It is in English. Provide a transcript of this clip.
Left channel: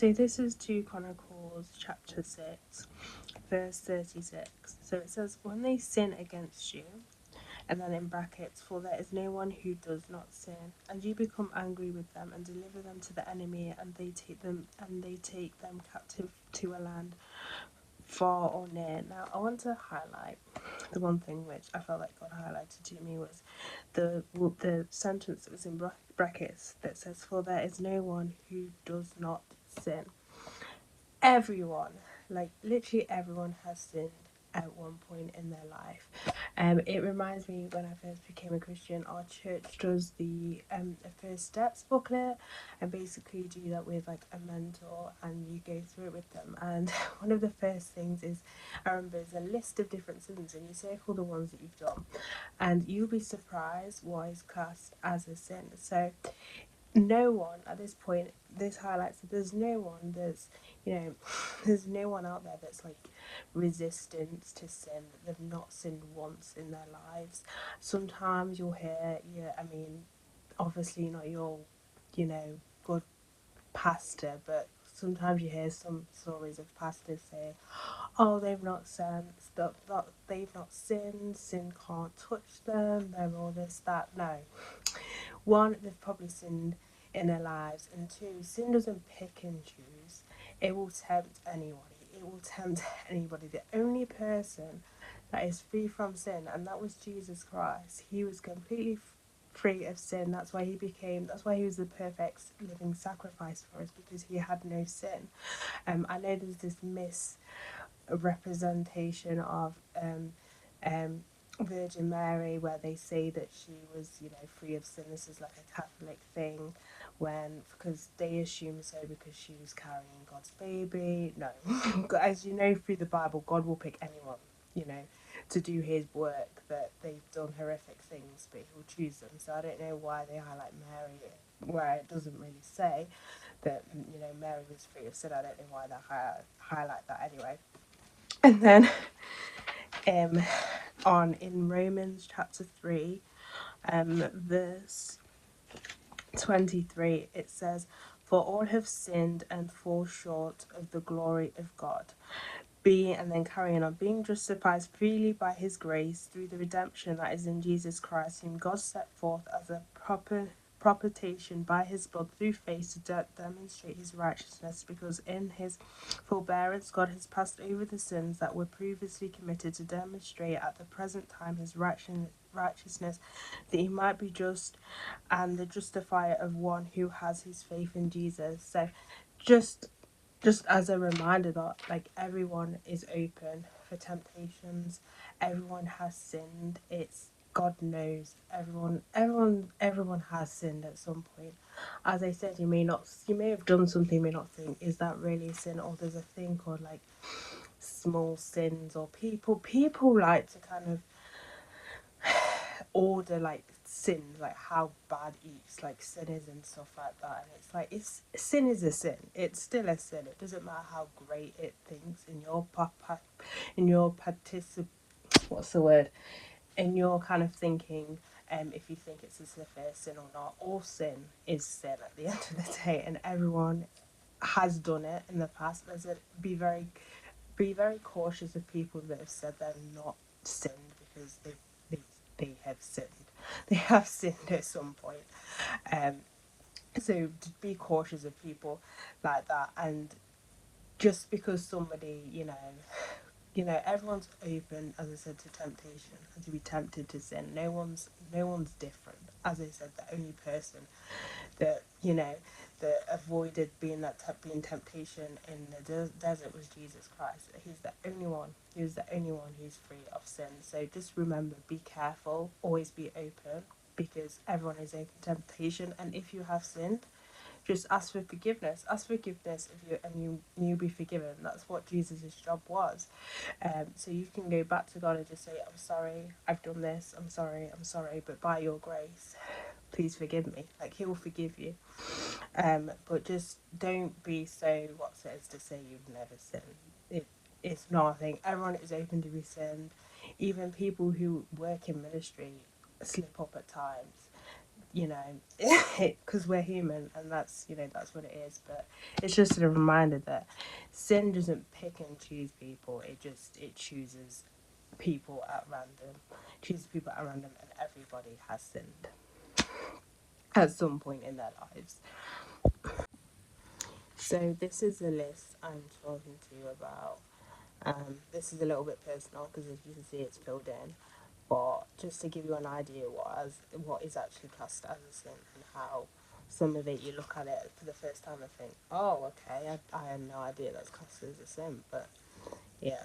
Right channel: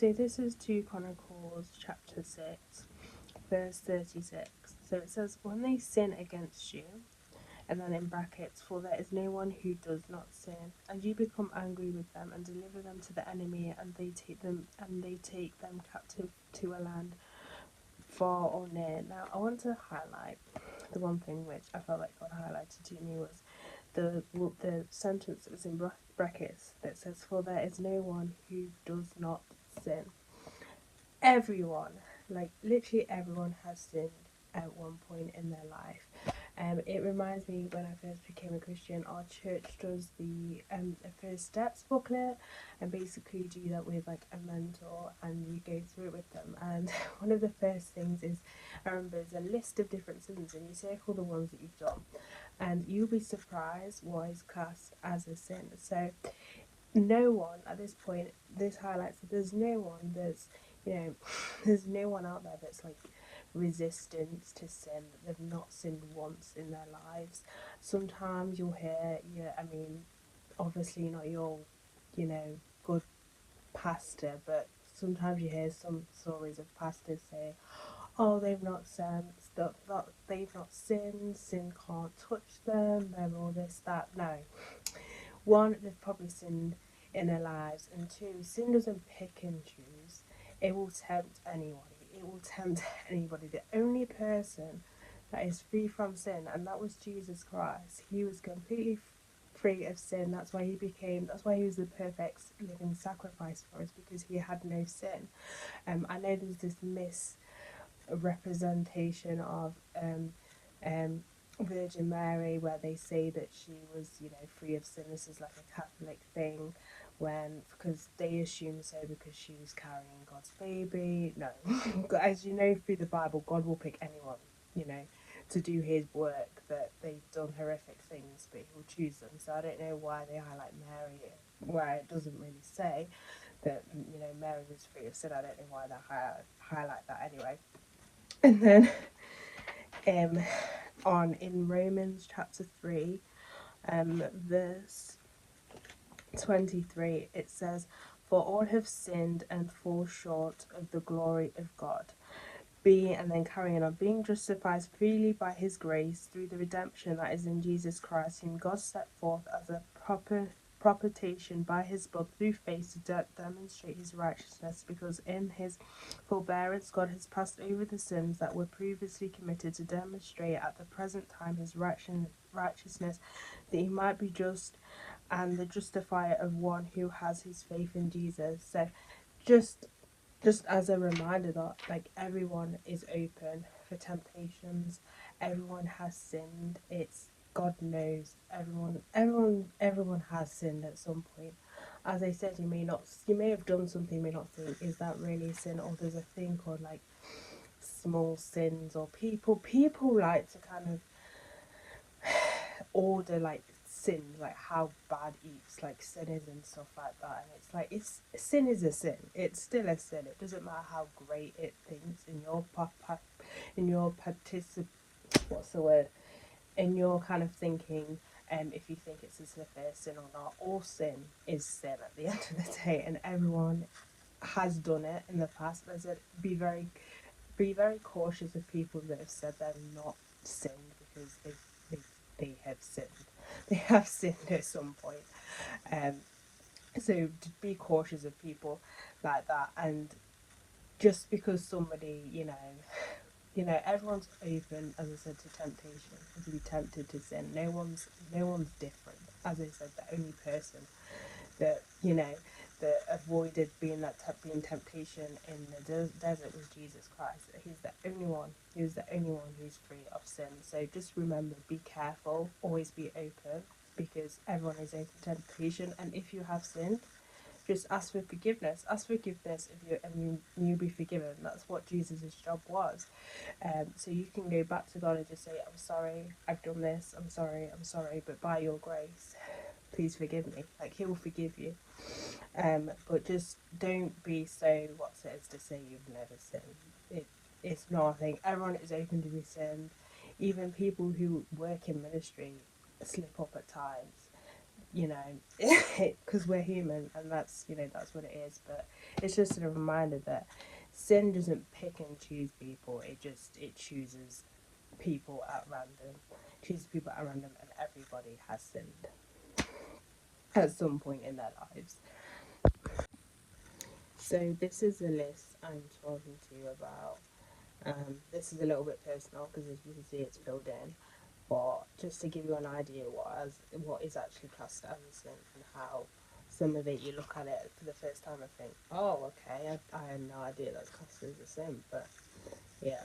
So this is 2 Chronicles chapter 6, verse 36. So it says, when they sin against you, and then in brackets, for there is no one who does not sin, and you become angry with them and deliver them to the enemy, and they take them captive to a land far or near. Now I want to highlight the one thing which I felt like God highlighted to me was the sentence that was in brackets that says, for there is no one who does not sin. Everyone, like literally everyone, has sinned at one point in their life. It reminds me when I first became a Christian, our church does the First Steps booklet, and basically do that with like a mentor, and you go through it with them. And one of the first things is, I remember, there's a list of different sins, and you circle the ones that you've done, and you'll be surprised what is classed as a sin. So no one at this point, this highlights that there's no one that's, there's no one out there that's like resistant to sin, that they've not sinned once in their lives. Sometimes you'll hear, obviously not your, good pastor, but sometimes you hear some stories of pastors say, oh, they've not sinned, that they've not sinned, sin can't touch them, they're all this, that. No. One, they've probably sinned in their lives, and two, sin doesn't pick and choose. It will tempt anybody. It will tempt anybody. The only person that is free from sin, and that was Jesus Christ. He was completely free of sin. That's why he was the perfect living sacrifice for us, because he had no sin. I know there's this misrepresentation of Virgin Mary, where they say that she was, free of sin. This is like a Catholic thing, because they assume so because she was carrying God's baby. No, as you know, through the Bible, God will pick anyone, to do his work, that they've done horrific things, but he'll choose them. So I don't know why they highlight Mary, where it doesn't really say that, Mary was free of sin. I don't know why they highlight that anyway. And then in Romans chapter 3, verse 23, it says, for all have sinned and fall short of the glory of God, and then carrying on, being justified freely by his grace through the redemption that is in Jesus Christ, whom God set forth as a propitiation by his blood through faith to demonstrate his righteousness, because in his forbearance God has passed over the sins that were previously committed, to demonstrate at the present time his righteousness, that he might be just and the justifier of one who has his faith in Jesus. So just as a reminder that like everyone is open for temptations, everyone has sinned. It's God knows everyone has sinned at some point. As I said, you may have done something, you may not think, is that really a sin? Or there's a thing called like small sins, or people like to kind of order like sin, like how bad each like sin is and stuff like that, and it's like, sin is a sin. It's still a sin. It doesn't matter how great it thinks in your in your kind of thinking, if you think it's a severe sin or not. All sin is sin at the end of the day, and everyone has done it in the past. Be very cautious of people that have said they've not sinned, because they have sinned. They have sinned at some point. So be cautious of people like that. And just because somebody, everyone's open, as I said, to temptation, to be tempted to sin. No one's different. As I said, the only person that that avoided being temptation in the desert was Jesus Christ. He's the only one. He was the only one who's free of sin. So just remember, be careful, always be open, because everyone is open to temptation. And if you have sinned, just ask for forgiveness. Ask forgiveness you'll be forgiven. That's what Jesus' job was. So you can go back to God and just say, I'm sorry, I've done this, I'm sorry, but by your grace, please forgive me. Like, he will forgive you. But just don't be so what's it is to say you've never sinned. It's not a thing. Everyone is open to be sinned. Even people who work in ministry slip up at times. you know, because we're human, and that's, you know, that's what it is. But it's just a reminder that sin doesn't pick and choose people. It chooses people at random, chooses people at random, and everybody has sinned at some point in their lives. So this is the list I'm talking to you about. This is a little bit personal because, as you can see, it's filled in. But just to give you an idea what is actually classed as a sin, and how some of it, you look at it for the first time and think, oh, okay, I had no idea that's classed as a sin. But yeah,